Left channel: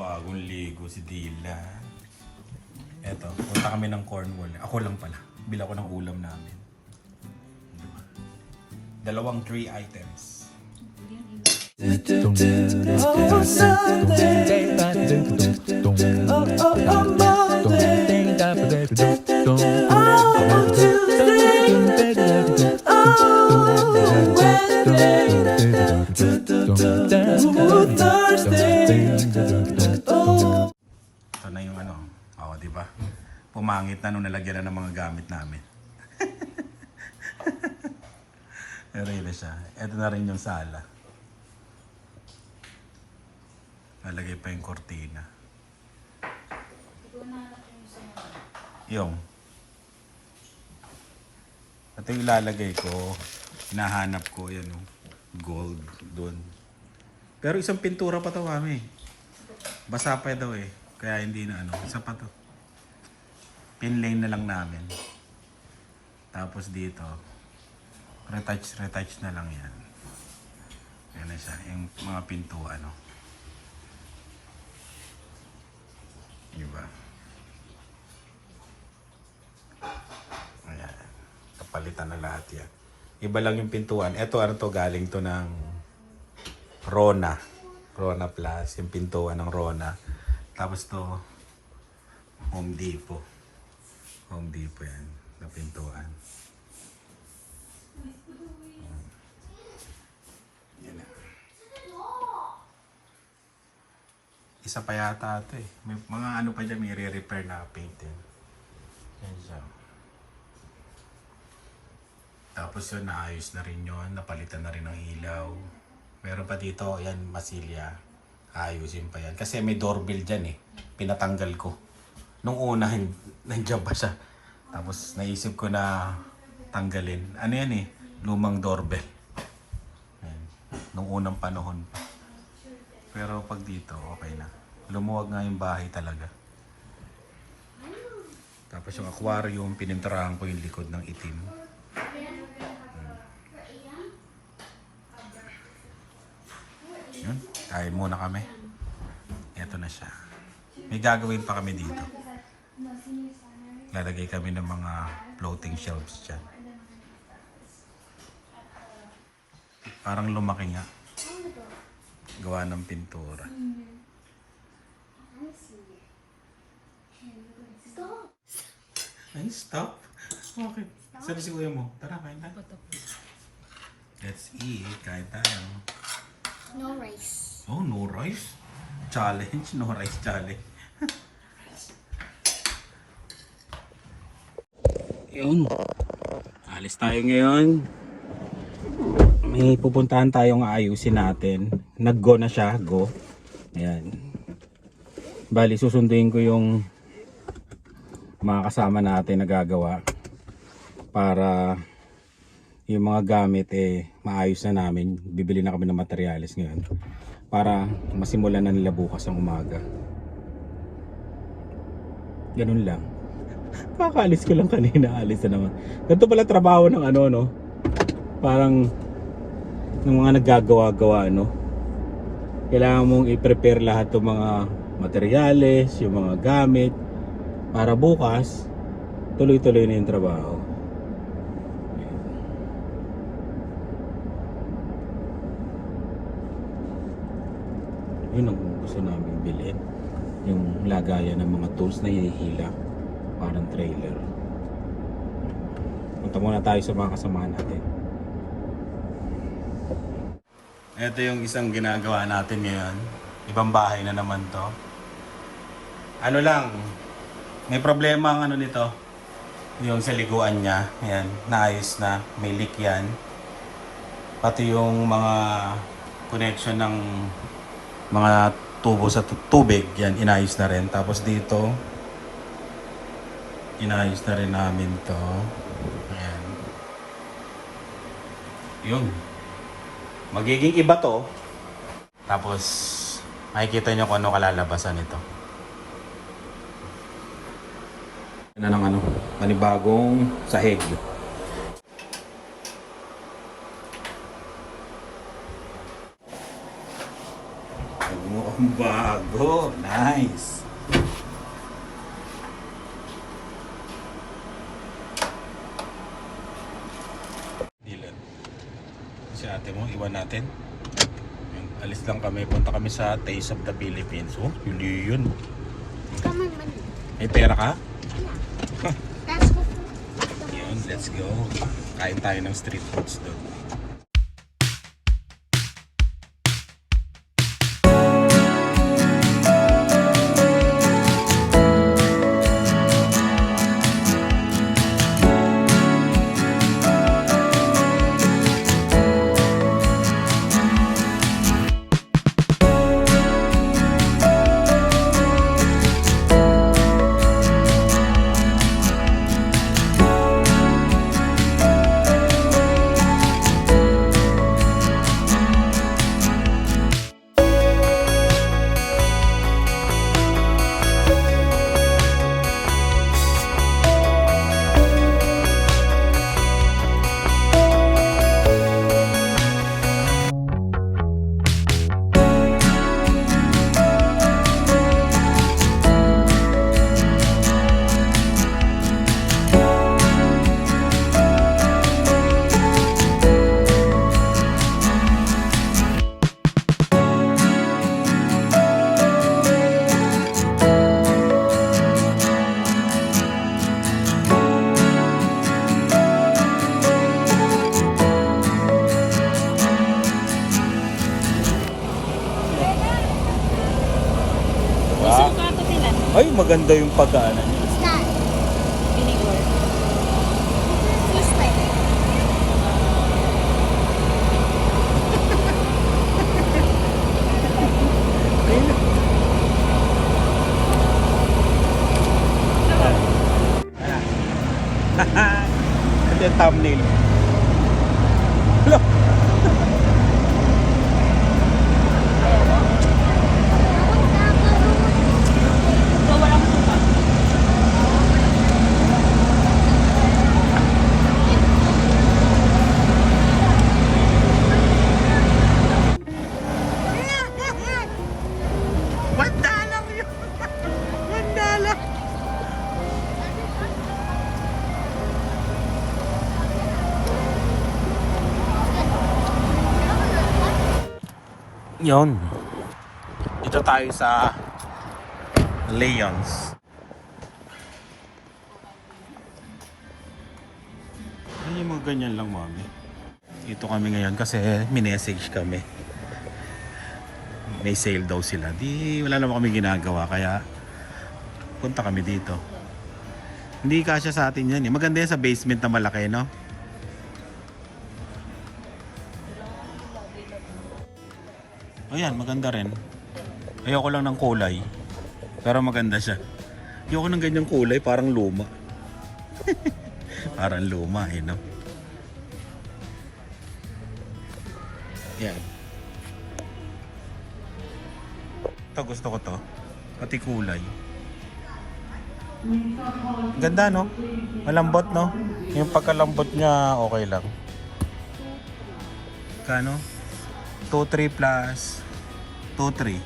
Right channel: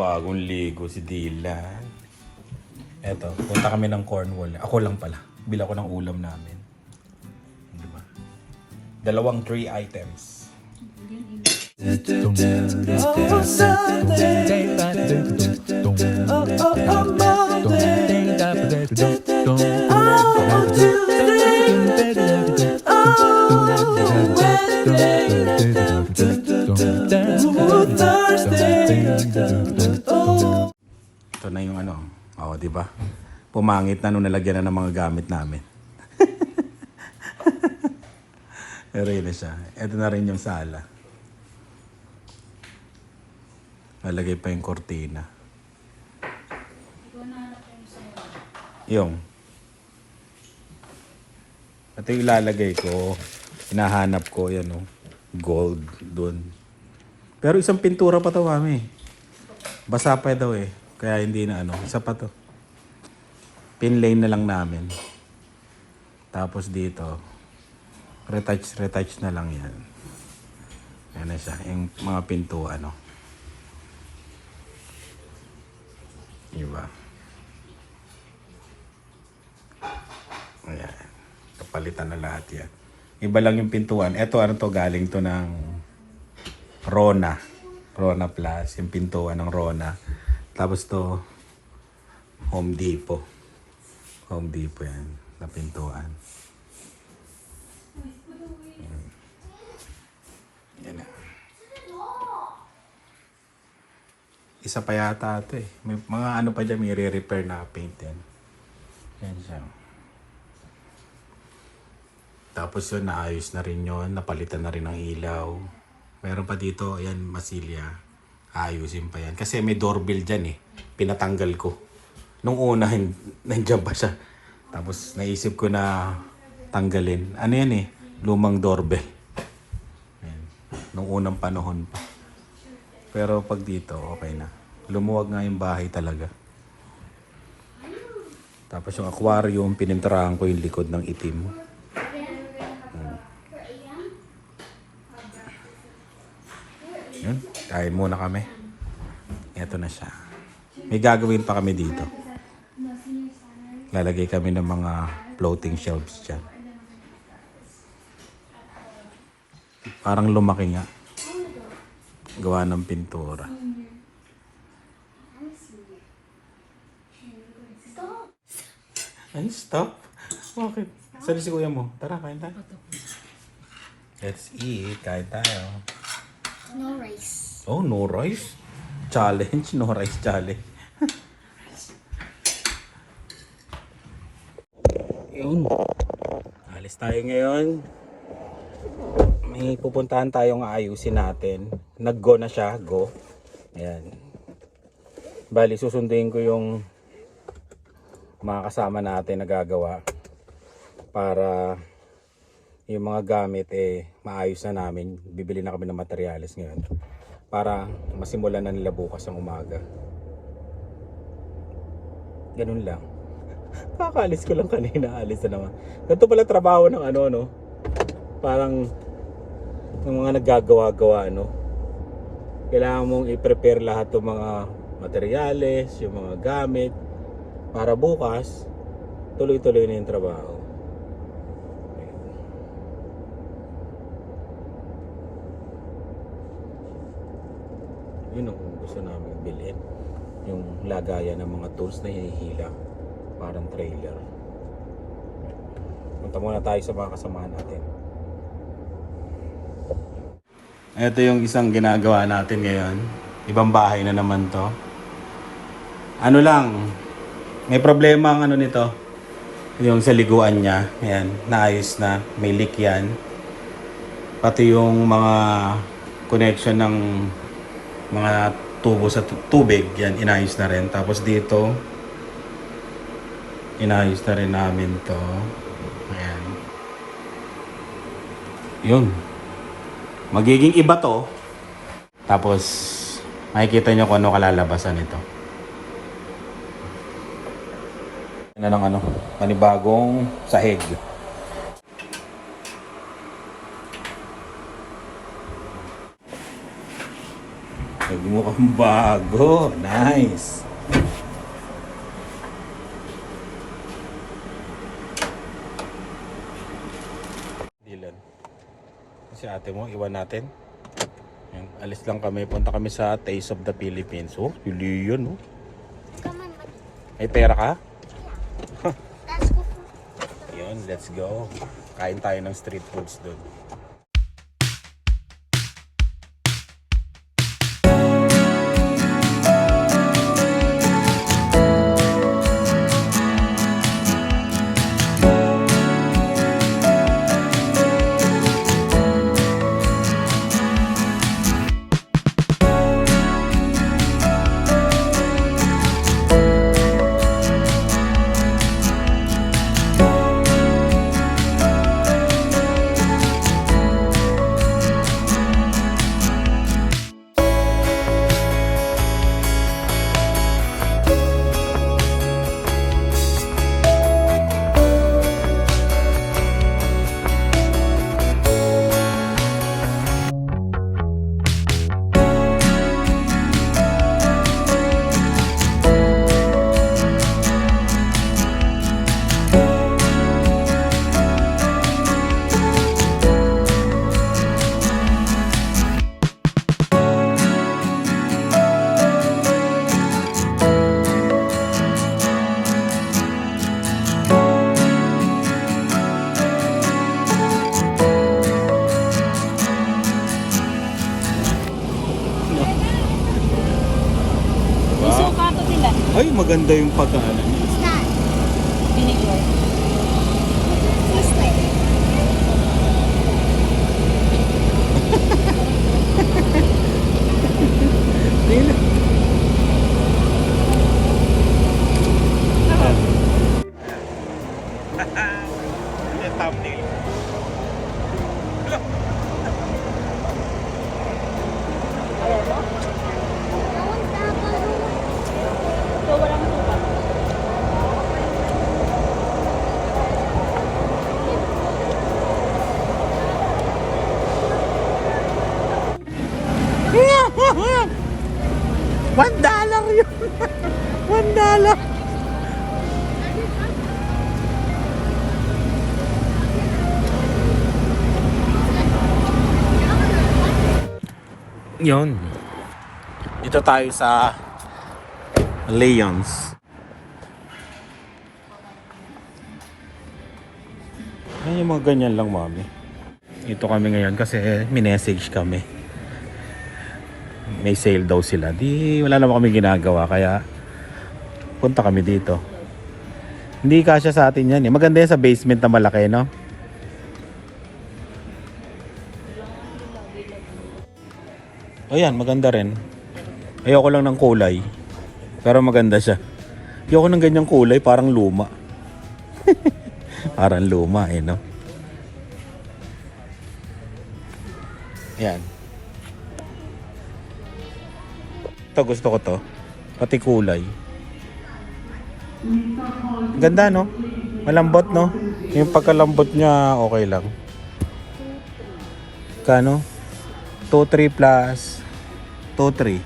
Bagong ligo si Dylan. Eto, punta kami ng Cornwall. Ako lang pala. Bila ko ng ulam namin. Diba? Dalawang 3 items. Ito na yung ano. Oo, di ba? Pumangit na nung nalagyan na ng mga gamit namin. Pero yun na siya. Ito na rin yung sala. Nalagay pa yung kortina. Yung. Ito yung ilalagay ko. Hinahanap ko. Yan o. Gold dun. Pero isang pintura pa to, mami. Basa pa daw eh. Kaya hindi na ano. Isa pa to. Pinlane na lang namin. Tapos dito. Retouch na lang yan. Yan na siya. Yung mga pinto ano. Diba? Ayan. Kapalitan na lahat yan. Iba lang yung pintuan. Ito ano to, galing to ng Rona. Rona Plus. Yung pintuan ng Rona. Tapos to Home Depot. Home Depot yan. Na pintuan. Yan na. Isa pa yata ito eh. May mga ano pa dyan, may re-repair na paint yan. Yan siya. Tapos yun, naayos na rin yun. Napalitan na rin ang ilaw. Meron pa dito, yan, masilya. Ayusin pa yan. Kasi may doorbell dyan eh. Pinatanggal ko. Nung una, nandiyan pa siya. Tapos naisip ko na tanggalin. Ano yan eh? Lumang doorbell. Ayan. Nung unang panahon pa. Pero pag dito, okay na. Lumuwag nga yung bahay talaga. Tapos yung aquarium, pininturahan ko yung likod ng itim. Yun, kain muna kami. Eto na siya. May gagawin pa kami dito. Lalagay kami ng mga floating shelves dyan. Parang lumaki nga. Gawa ng pintura. Ay, stop. Okay. Saan si kuya mo? Tara, kain tayo. Let's eat. Kain tayo. No rice. Oh, no rice? Challenge. No rice challenge. Yun. Alis tayo ngayon. May pupuntahan tayong aayusin natin. Nag-go na siya. Go. Ayan. Bali, susunduin ko yung mga kasama natin na gagawa para yung mga gamit maayos na namin. Bibili na kami ng materyales ngayon para masimulan na nila bukas ang umaga. Ganun lang. Kakaalis ko lang kanina, alis na naman. Ganito pala trabaho ng ano, no? Parang ng mga naggagawa-gawa, no? Kailangan mong i-prepare lahat ng mga materyales, yung mga gamit para bukas tuloy-tuloy na yung trabaho. Yun ang gusto namin bilhin, yung lagayan ng mga tools na hinihila, parang trailer. Punta muna tayo sa mga kasamahan natin. Ito yung isang ginagawa natin ngayon. Ibang bahay na naman to. Ano lang, may problema ang ano nito, yung sa liguan niya. Ayan, naayos na, may leak yan. Pati yung mga connection ng mga tubo sa tubig, yan, inayos na rin. Tapos dito, inayos na rin namin to. Ayan. Yun. Magiging iba to. Tapos, makikita nyo kung ano kalalabasan nito. Ano ng ano, manibagong sahig. Huwag mo Bago. Nice. Dylan. Si ate mo, iwan natin. Ayun, alis lang kami. Punta kami sa Taste of the Philippines. Oh, yuli yun. Come on, money. May pera ka? Yeah. Let's go to Yun, let's go. Kain tayo ng street foods doon. Wow. Ay, maganda yung pagkaanan niya. Sky. This way. Ito yung thumbnail. Hello. $1 yun. $1. Yun. Dito tayo sa Leon's. Ay, yung mga ganyan lang, mami. Dito kami ngayon kasi minessage kami. May sale daw sila. Di wala naman kami ginagawa kaya punta kami dito. Hindi kasya sa atin yan eh. Maganda yan sa basement na malaki, no? O yan, maganda rin. Ayoko lang ng kulay. Pero maganda siya. Ayoko ng ganyang kulay, parang luma. Parang luma eh, no? Yan. Ito gusto ko to. Pati kulay. Ganda, no? Malambot, no? Yung pagkalambot niya okay lang. Kano? 2-3 plus 2-3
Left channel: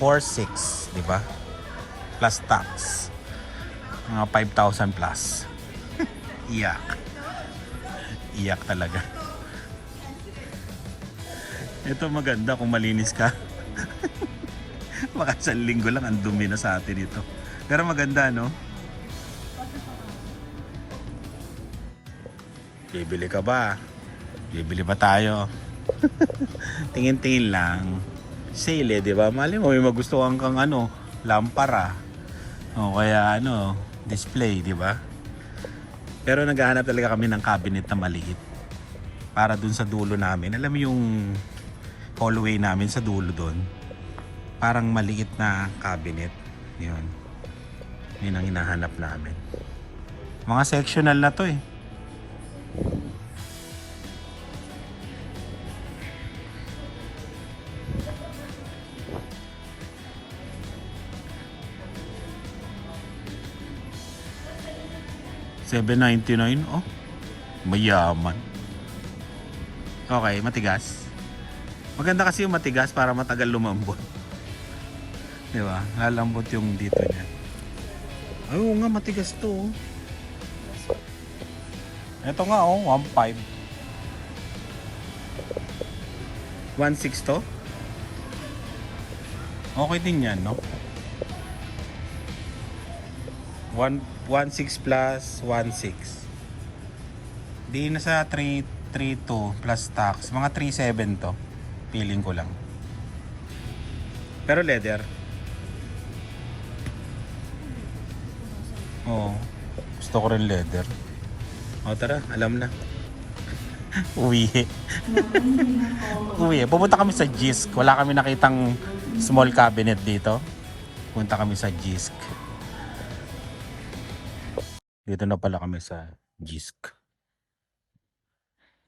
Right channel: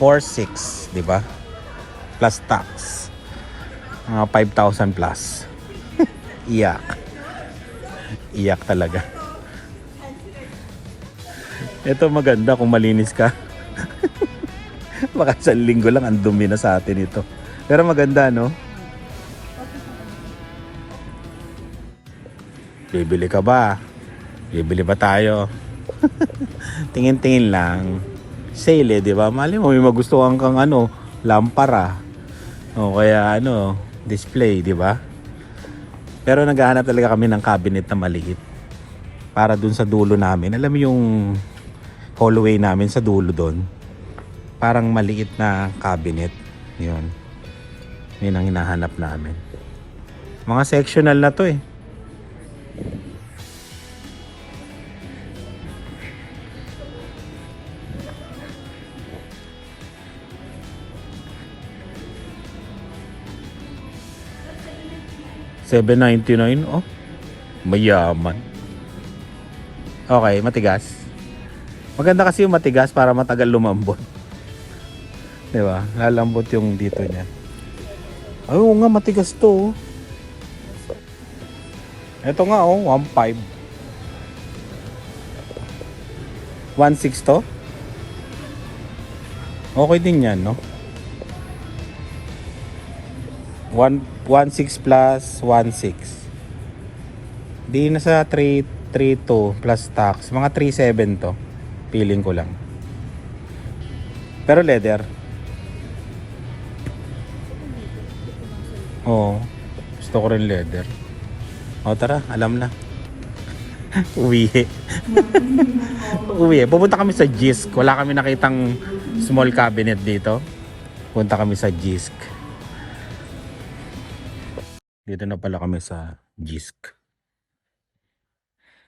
4-6, di ba? Plus tax. Mga 5,000 plus. Iyak. Iyak talaga. Ito maganda kung malinis ka. Baka sa linggo lang ang dumi na sa atin ito. Pero maganda, no? Bibili ka ba? Bibili ba tayo? Tingin-tingin lang. Sale, di ba? Mali mo, may magustuhan kang ano, lampara. O kaya ano, display, di ba? Pero naghahanap talaga kami ng cabinet na maliit. Para dun sa dulo namin. Alam mo yung hallway namin sa dulo doon. Parang maliit na cabinet. Yun. Yun ang hinahanap namin. Mga sectional na to eh. $7.99. Oh, mayaman. Okay, matigas. Maganda kasi yung matigas para matagal lumambot. Di ba? Lalambot yung dito niya. Ay, oo nga, matigas to. Ito nga, 1.5. 1.6 to? Okay din yan, no? 1.6 plus 1.6. Di na sa 3.2 plus tax. Mga 3.7 to. Feeling ko lang. Pero leather. Oo. Gusto ko rin leather. O tara, alam na. Uwi. Uwi. Pupunta kami sa Jisk. Wala kami nakitang small cabinet dito. Punta kami sa Jisk. Dito na pala kami sa Jisk.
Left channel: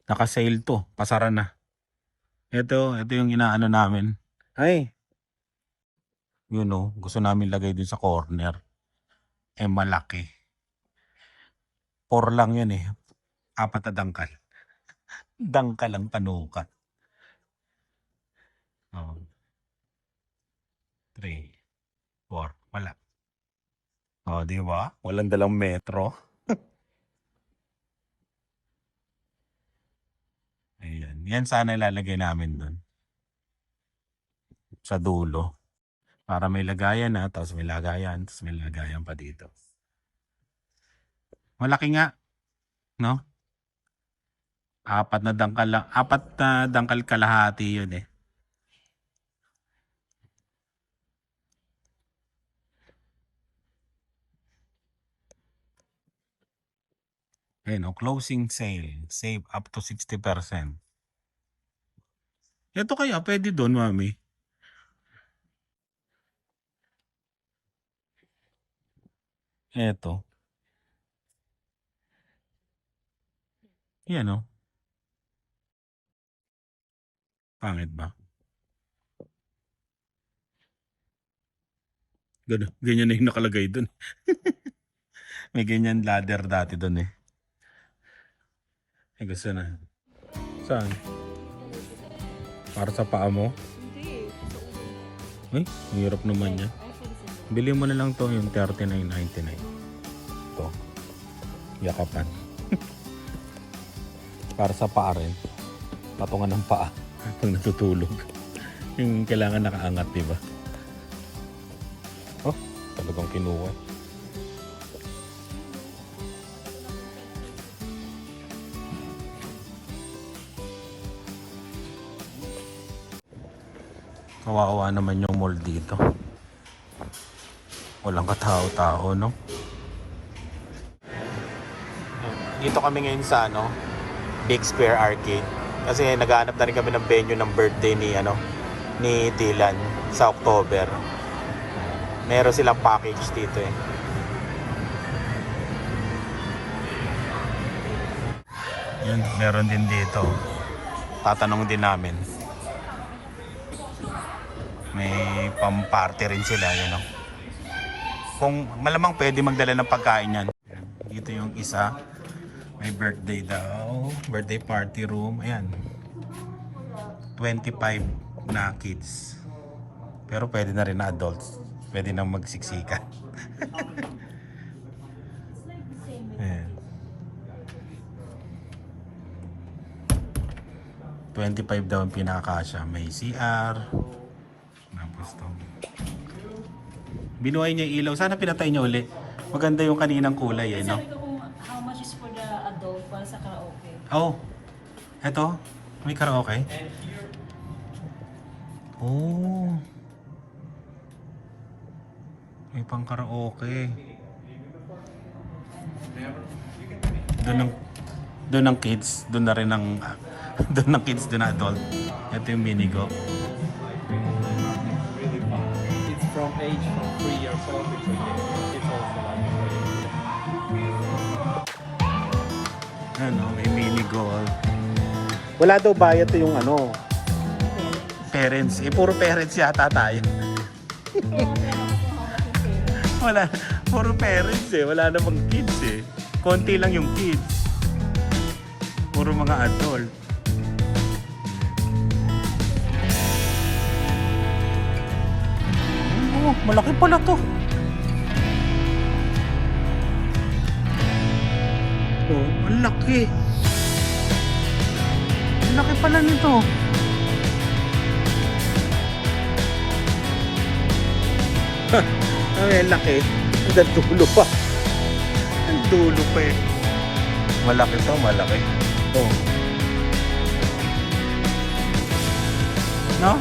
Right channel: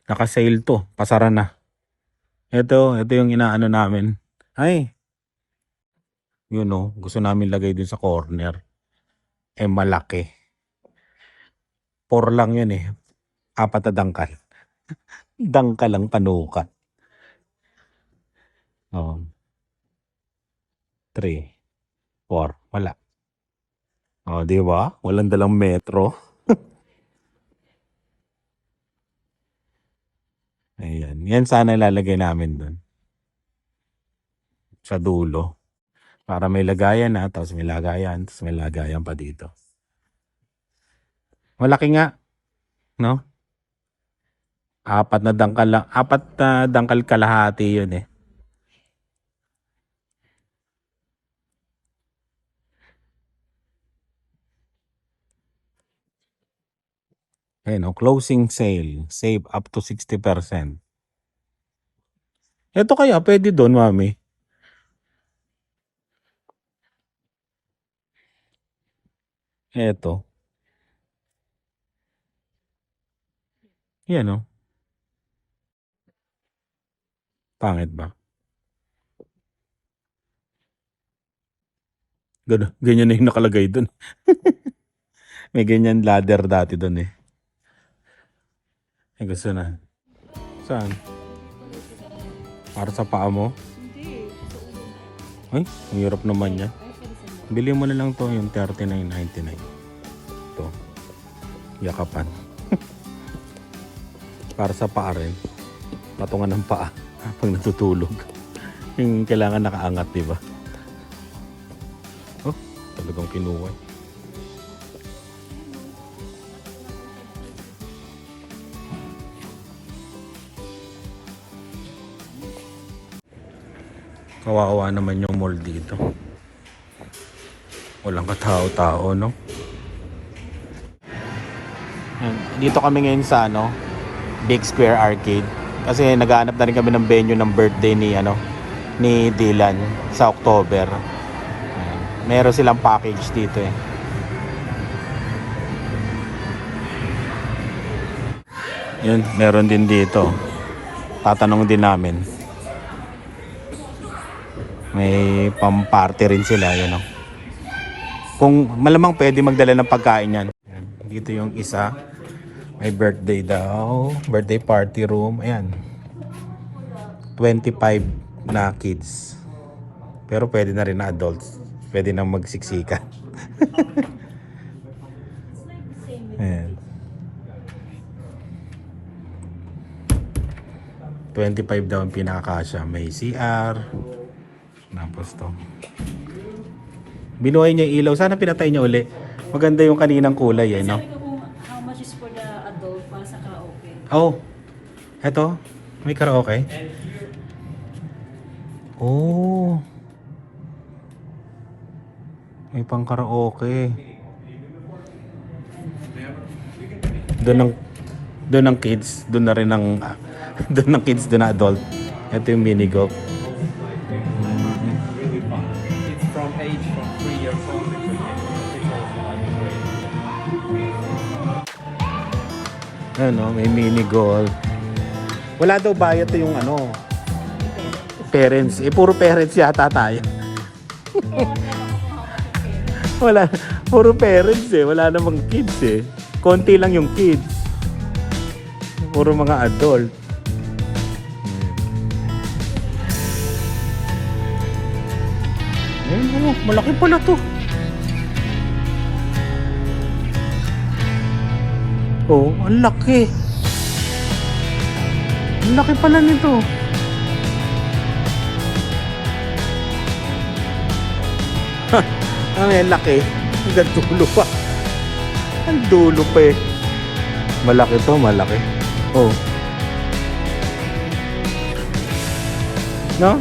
Naka-sale to. Pasara na. Ito yung inaano namin. Ay. You know, gusto namin lagay din sa corner. Eh malaki. 4 lang yun eh. 4 na dangkal. Dangkal lang panukat. Oh. 3, 4. Wala. Oh, di ba? Walang dalang metro. Ayan. Yan sana ilalagay namin doon. Sa dulo. Para may lagayan na, tapos may lagayan, tapos may lagayan pa dito. Malaki nga. No? 4 na dangkal lang. 4 na dangkal kalahati yun eh. Ayun, closing sale. Save up to 60%. Ito kaya, pwede doon, mami. Ito. Yan o. Pangit ba? Ganyan na yung nakalagay doon. May ganyan ladder dati doon eh. Ay, gusto na. Saan? Para sa paa mo? Ay, ang hirap naman yan. Bili mo na lang to yung $39.99. Ito. Yakapan. Para sa paa rin. Patungan ng paa pag natutulog. Yung kailangan nakaangat, diba? Oh, talagang kinuha. Kawawa naman yung mall dito. Walang katao-tao, no? Dito kami ngayon sa Big Square Arcade. Kasi naghahanap na rin kami ng venue ng birthday ni Dylan sa October. Meron silang package dito eh. Yun, meron din dito. Tatanong din namin. May pang-party rin sila, yun o. Kung malamang pwede magdala ng pagkain yan. Dito yung isa. May birthday daw. Birthday party room. Ayan. 25 na kids. Pero pwede na rin na adults. Pwede na magsiksikan. Ayan. 25 daw ang pinakakasya. May CR. Tapos to. Binuhay niya yung ilaw. Sana pinatay niya uli. Maganda yung kaninang kulay eh, no? How much is for the adult para sa karaoke? Oh. Eto. May karaoke. Oh. May pang karaoke. Doon ng kids. Doon na rin ng doon ng kids, doon na adult. Ito yung mini golf. May mini golf. Wala daw bayad na yung parents. Puro parents yata tayo. Wala, puro parents eh. Wala namang kids eh. Konti lang yung kids. Puro mga adult. Oh, malaki pala to. Oh, ang laki. Ang laki pala nito. Ha, ang laki. Ang dulo pa. Ang dulo pa eh. Malaki to, malaki. Oh. No?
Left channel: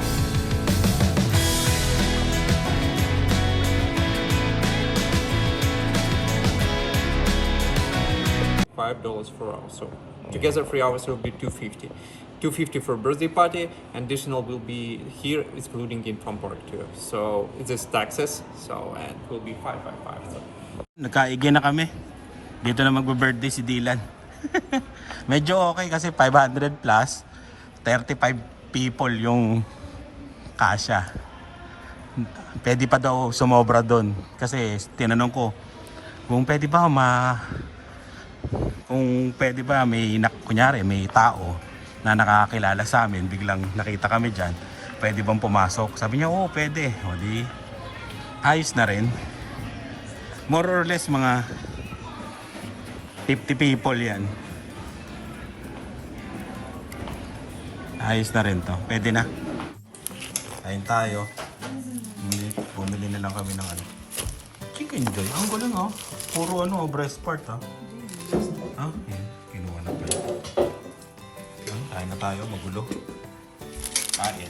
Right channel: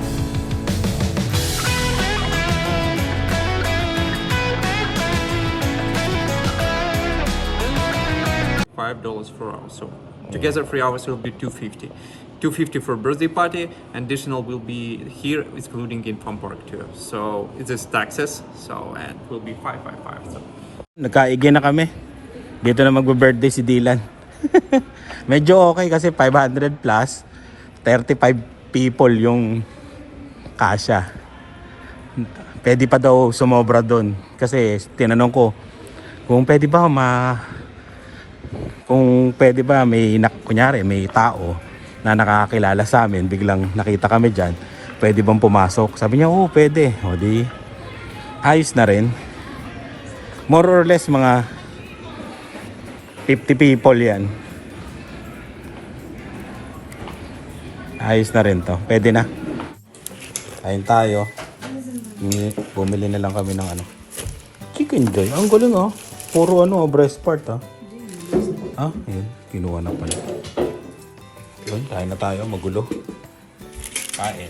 $5 for hour. So together 3 hours will be $250. $250 for birthday party, and additional will be here, excluding in Pomborg too. So it's just taxes. So and it will be $555. So. Nagkaigi na kami. Dito na magbe-birthday si Dylan. Medyo okay kasi 500 plus 35 people yung kasya. Pwede pa daw sumobra doon kasi tinanong ko kung pwede ba kunyari may tao na nakakilala sa amin, biglang nakita kami dyan, pwede bang pumasok? Sabi niya, oo, pwede. O di, ayos na rin. More or less mga 50 people yan. Ayos na rin to. Pwede na. Kain tayo. Bumili na lang kami ng ano. Chicken Joy. Ang galing oh. Puro breast part ah. Ah, yun. Kinuha na pala. Yun, kain na tayo. Magulo. Kain.